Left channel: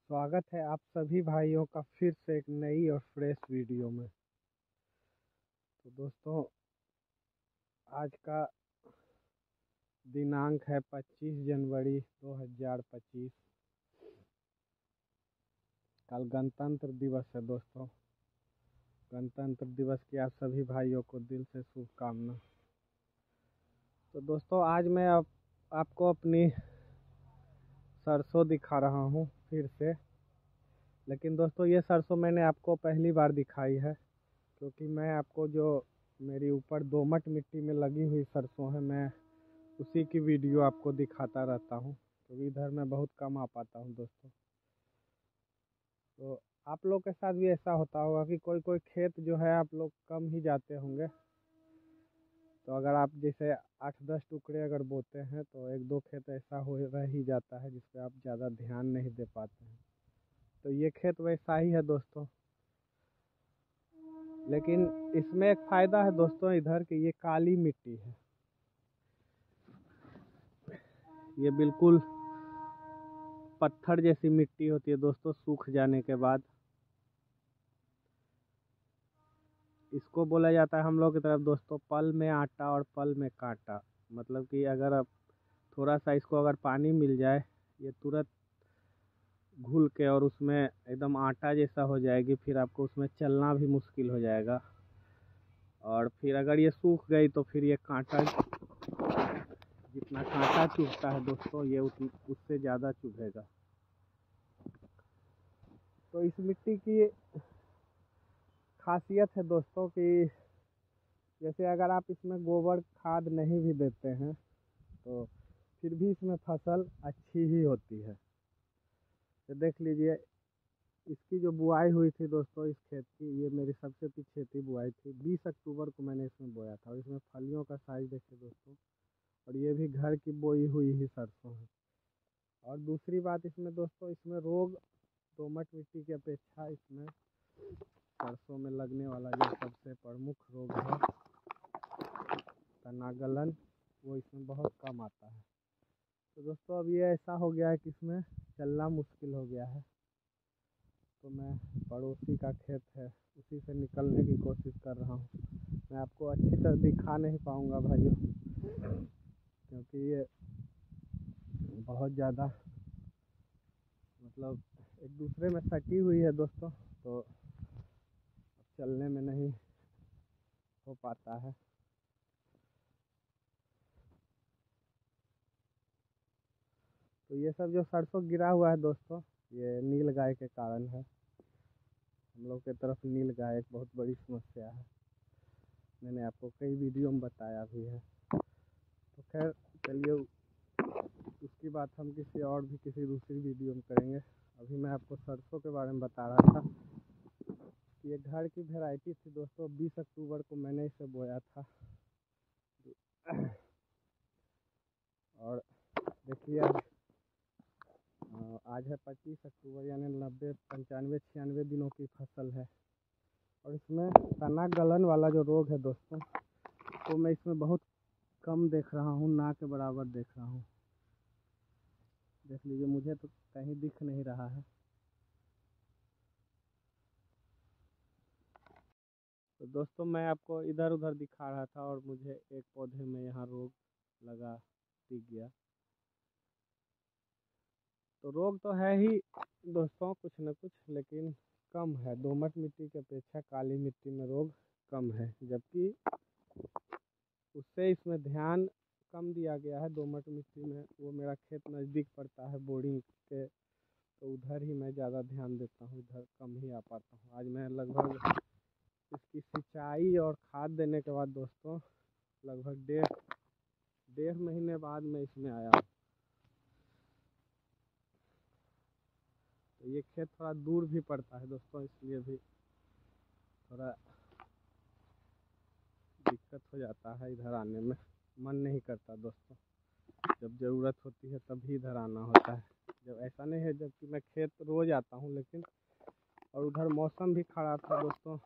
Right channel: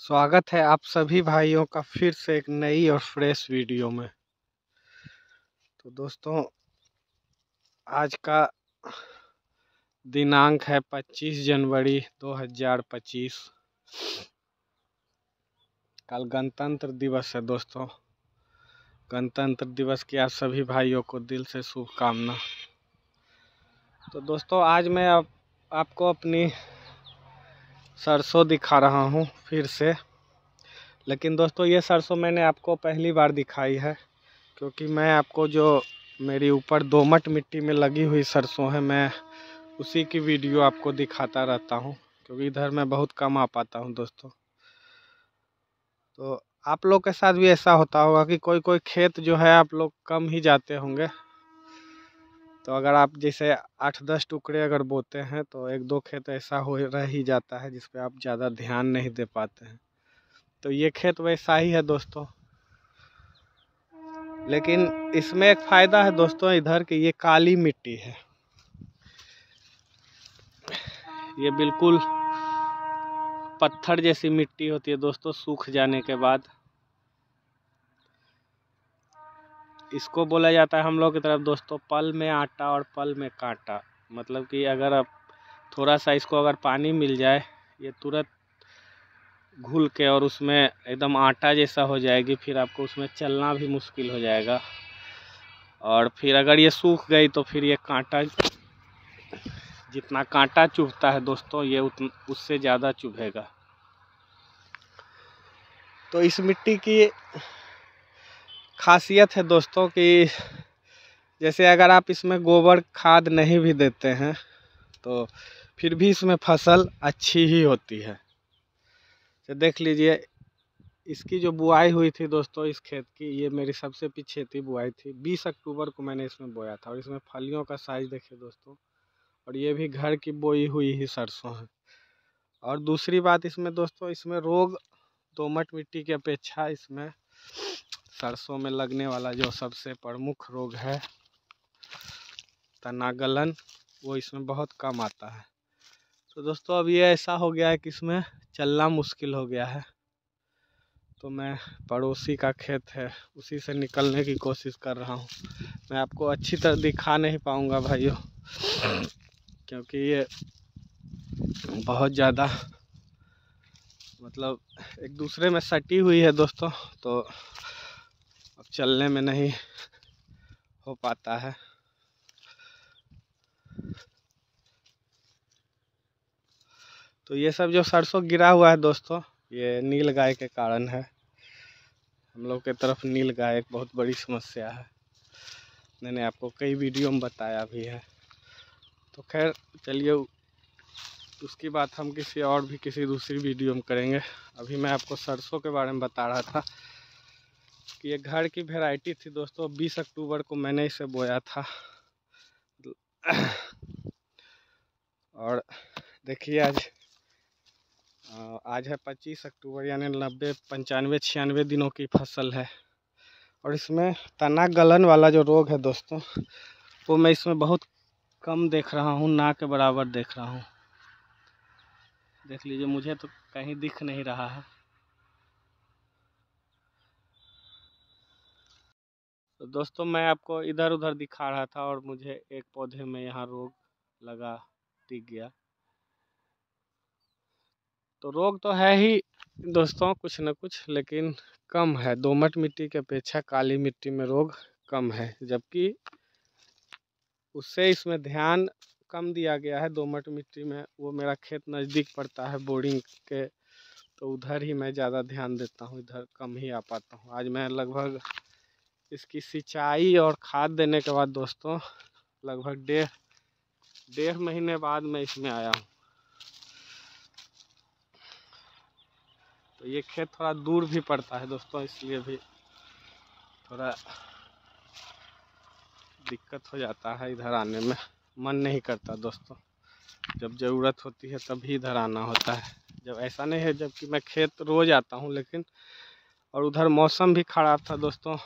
स्वागत है आप सभी भाइयों का फिर से एक नई और फ्रेश वीडियो में। तो दोस्तों, आज का दिनांक है 25 जनवरी 2025। कल गणतंत्र दिवस है दोस्तों। गणतंत्र दिवस की आप सभी भाइयों को दिल से शुभकामना। तो दोस्तों, आज मैं आपको अपनी सरसों दिखा रहा हूँ फिर से। लेकिन दोस्तों, ये सरसों मैंने आपको पहली बार दिखाई है, क्योंकि मैं आपको जो मेरी ऊपर दोमट मिट्टी में लगी हुई सरसों है, मैं उसी की वीडियो आपको दिखाता रहता हूँ, क्योंकि इधर मैं बहुत कम आ पाता हूँ दोस्तों। तो आप लोग के साथ भी ऐसा होता होगा कि कोई कोई खेत जो है आप लोग कम ही जाते होंगे। तो अगर आप जैसे 8-10 टुकड़े अगर बोते हैं तो 1-2 खेत ऐसा हो रह ही जाता है जिस पे आप ज़्यादा ध्यान नहीं दे पाते हैं। तो ये खेत वैसा ही है दोस्तों। लेकिन इसमें एक फ़ायदा है दोस्तों इधर कि ये काली मिट्टी है। ये बिल्कुल पत्थर जैसी मिट्टी होती है दोस्तों, सूख जाने के बाद। इसको बोला जाता है हम लोग की तरफ दोस्तों, पल में आटा और पल में कांटा। मतलब कि अगर आप थोड़ा सा इसको अगर पानी मिल जाए, ये तुरंत घुल के और उसमें एकदम आटा जैसा हो जाएगी। फिर आपको उसमें चलना भी मुश्किल हो जाएगा। और फिर अगर ये सूख गई तो फिर ये कांटा, जितना कांटा चुभता है दोस्तों, ये उससे ज़्यादा चुभेगा। तो इस मिट्टी की खासियत है दोस्तों कि जैसे अगर आप इसमें गोबर खाद नहीं भी देते हैं तो फिर भी इसमें फसल अच्छी ही होती है। तो देख लीजिए, इसकी जो बुआई हुई थी दोस्तों इस खेत की, ये मेरी सबसे पीछे थी बुआई थी। 20 अक्टूबर को मैंने इसमें बोया था। और इसमें फलियों का साइज देखिए दोस्तों। और ये भी घर की बोई हुई ही सरसों है। और दूसरी बात इसमें दोस्तों, इसमें रोग दोमट मिट्टी की अपेक्षा इसमें सरसों में लगने वाला जो सबसे प्रमुख रोग है तना गलन, वो इसमें बहुत कम आता है। तो दोस्तों, अब ये ऐसा हो गया है कि इसमें चलना मुश्किल हो गया है। तो मैं पड़ोसी का खेत है उसी से निकलने की कोशिश कर रहा हूँ। मैं आपको अच्छी तरह दिखा नहीं पाऊँगा भाइयों, क्योंकि ये बहुत ज़्यादा मतलब एक दूसरे में सटी हुई है दोस्तों। तो अब चलने में नहीं हो पाता है। तो ये सब जो सरसों गिरा हुआ है दोस्तों, ये नील गाय के कारण है। हम लोग के तरफ नील गाय एक बहुत बड़ी समस्या है। मैंने आपको कई वीडियो में बताया भी है। तो खैर चलिए, उसकी बात हम किसी दूसरी वीडियो में करेंगे। अभी मैं आपको सरसों के बारे में बता रहा था कि ये घर की वैरायटी थी दोस्तों। 20 अक्टूबर को मैंने इसे बोया था। और देखिए आज है 25 अक्टूबर, यानी 90, 95, 96 दिनों की फसल है। और इसमें तना गलन वाला जो रोग है दोस्तों, को मैं इसमें बहुत कम देख रहा हूँ, ना के बराबर देख रहा हूँ। देख लीजिए, मुझे तो कहीं दिख नहीं रहा है। तो दोस्तों, मैं आपको इधर उधर दिखा रहा था और मुझे एक पौधे में यहाँ रोग लगा, दिख गया। तो रोग तो है ही दोस्तों कुछ न कुछ, लेकिन कम है। दोमट मिट्टी की अपेक्षा काली मिट्टी में रोग कम है, जबकि उससे इसमें ध्यान कम दिया गया है। दोमट मिट्टी में वो मेरा खेत नज़दीक पड़ता है बोरिंग के, तो उधर ही मैं ज़्यादा ध्यान देता हूँ, इधर कम ही आ पाता हूँ। आज मैं लगभग इसकी सिंचाई और खाद देने के बाद दोस्तों लगभग डेढ़ महीने बाद मैं इसमें आया हूँ। तो ये खेत थोड़ा दूर भी पड़ता है दोस्तों, इसलिए भी थोड़ा दिक्कत हो जाता है इधर आने में। मन नहीं करता दोस्तों, जब ज़रूरत होती है तभी इधर आना होता है। जब ऐसा नहीं है, जबकि मैं खेत रोज़ आता हूँ। लेकिन और उधर मौसम भी ख़राब था दोस्तों,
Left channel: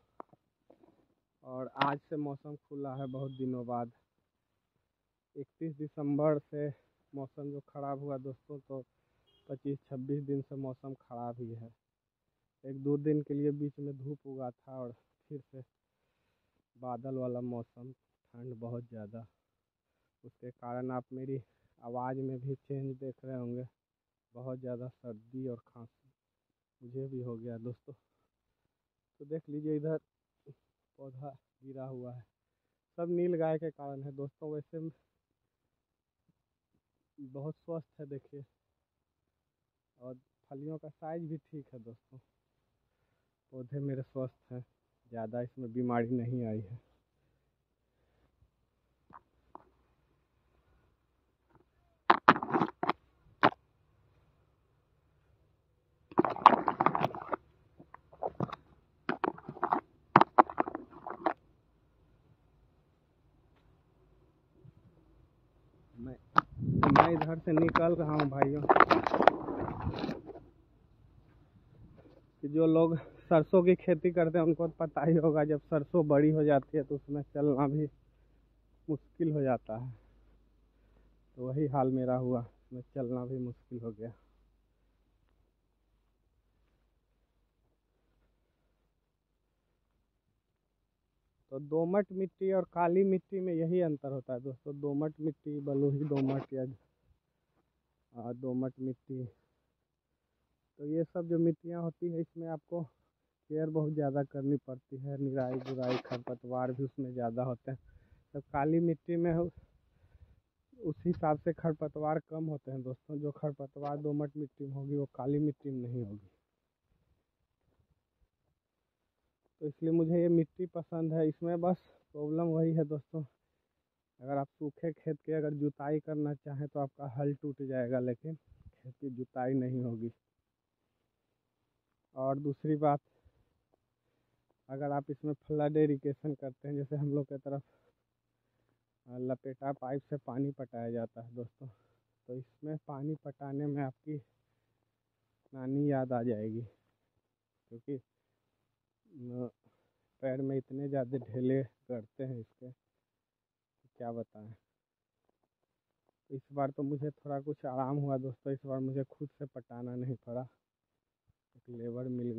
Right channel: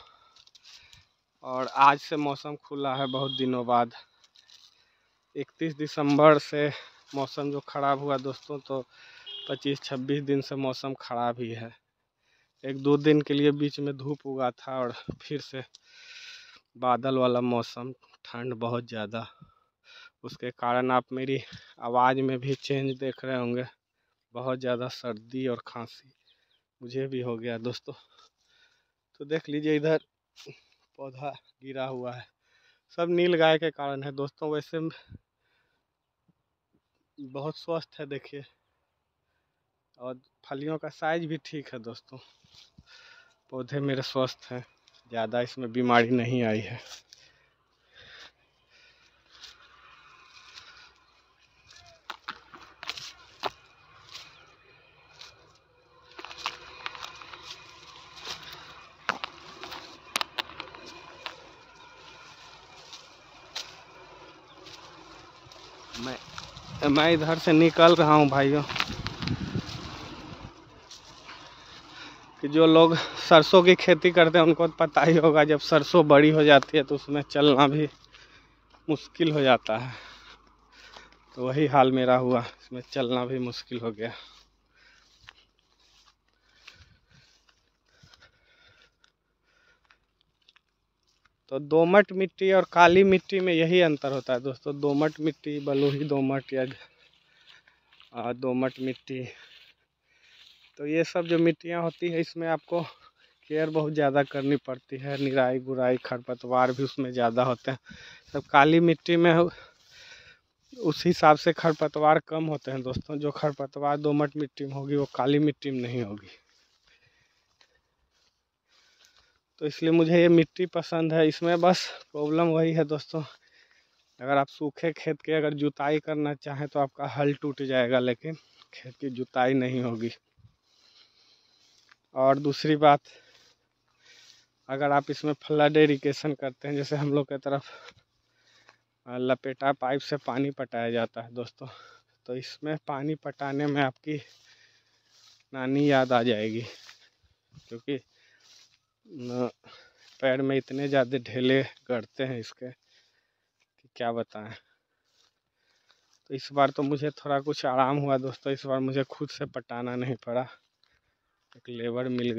और आज से मौसम खुला है बहुत दिनों बाद। 31 दिसंबर से मौसम जो ख़राब हुआ दोस्तों, तो 25-26 दिन से मौसम ख़राब ही है। 1-2 दिन के लिए बीच में धूप उगा था और फिर से बादल वाला मौसम, ठंड बहुत ज़्यादा, उसके कारण आप मेरी आवाज़ में भी चेंज देख रहे होंगे। बहुत ज़्यादा सर्दी और खांसी मुझे भी हो गया दोस्तों। तो देख लीजिए इधर पौधा गिरा हुआ है, सब नील गाय के कारण है दोस्तों। वैसे बहुत स्वस्थ है देखिए, और फलियों का साइज भी ठीक है दोस्तों। पौधे मेरे स्वस्थ हैं, ज़्यादा इसमें बीमारी नहीं आई है। मैं इधर से निकल रहा हूँ भाइयों, कि जो लोग सरसों की खेती करते हैं उनको पता ही होगा, जब सरसों बड़ी हो जाती है तो उसमें चलना भी मुश्किल हो जाता है। तो वही हाल मेरा हुआ, इसमें चलना भी मुश्किल हो गया। तो दोमट मिट्टी और काली मिट्टी में यही अंतर होता है दोस्तों। दोमट मिट्टी, बलुई दोमट या दोमट मिट्टी, तो ये सब जो मिट्टियाँ होती है इसमें आपको केयर बहुत ज़्यादा करनी पड़ती है। निराई गुराई, खरपतवार भी उसमें ज़्यादा होते हैं। तब काली मिट्टी में उस हिसाब से खरपतवार कम होते हैं दोस्तों। जो खरपतवार दोमट मिट्टी में होगी वो काली मिट्टी में नहीं होगी। तो इसलिए मुझे ये मिट्टी पसंद है। इसमें बस प्रॉब्लम वही है दोस्तों, अगर आप सूखे खेत की अगर जुताई करना चाहें तो आपका हल टूट जाएगा, लेकिन खेत की जुताई नहीं होगी। और दूसरी बात, अगर आप इसमें फ्लड इरिगेशन करते हैं, जैसे हम लोग की तरफ लपेटा पाइप से पानी पटाया जाता है दोस्तों, तो इसमें पानी पटाने में आपकी नानी याद आ जाएगी, क्योंकि पैर में इतने ज़्यादा ढेले गड़ते हैं इसके कि क्या बताएं। तो इस बार तो मुझे थोड़ा कुछ आराम हुआ दोस्तों, इस बार मुझे खुद से पटाना नहीं पड़ा, एक लेबर मिल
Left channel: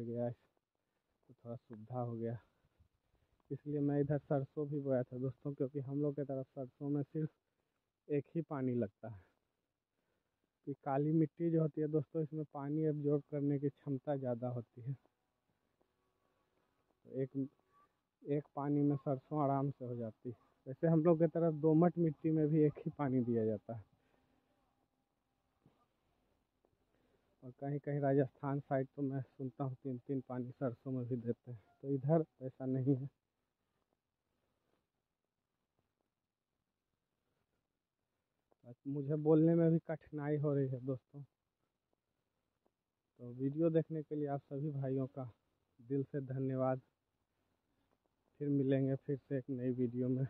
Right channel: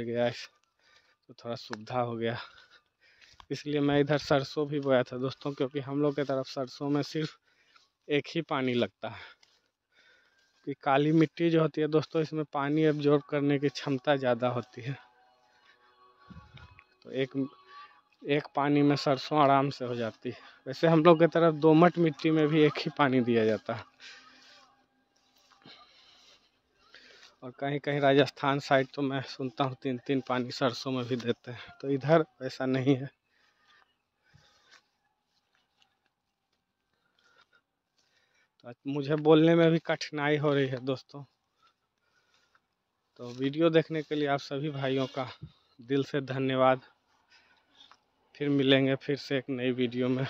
गया, तो थोड़ा सुविधा हो गया। इसलिए मैं इधर सरसों भी बोया था दोस्तों, क्योंकि हम लोग की तरफ सरसों में सिर्फ एक ही पानी लगता है। कि काली मिट्टी जो होती है दोस्तों, इसमें पानी एब्जॉर्ब करने की क्षमता ज़्यादा होती है, तो एक पानी में सरसों आराम से हो जाती है। वैसे हम लोग की तरफ दोमट मिट्टी में भी एक ही पानी दिया जाता है, और कहीं कहीं राजस्थान साइड तो मैं सुनता हूँ 3-3 पानी सरसों में भी देते हैं। तो इधर ऐसा नहीं है। तो मुझे बोलने में भी कठिनाई हो रही है दोस्तों। तो वीडियो देखने के लिए आप सभी भाइयों का दिल से धन्यवाद। फिर मिलेंगे फिर से एक नई वीडियो में।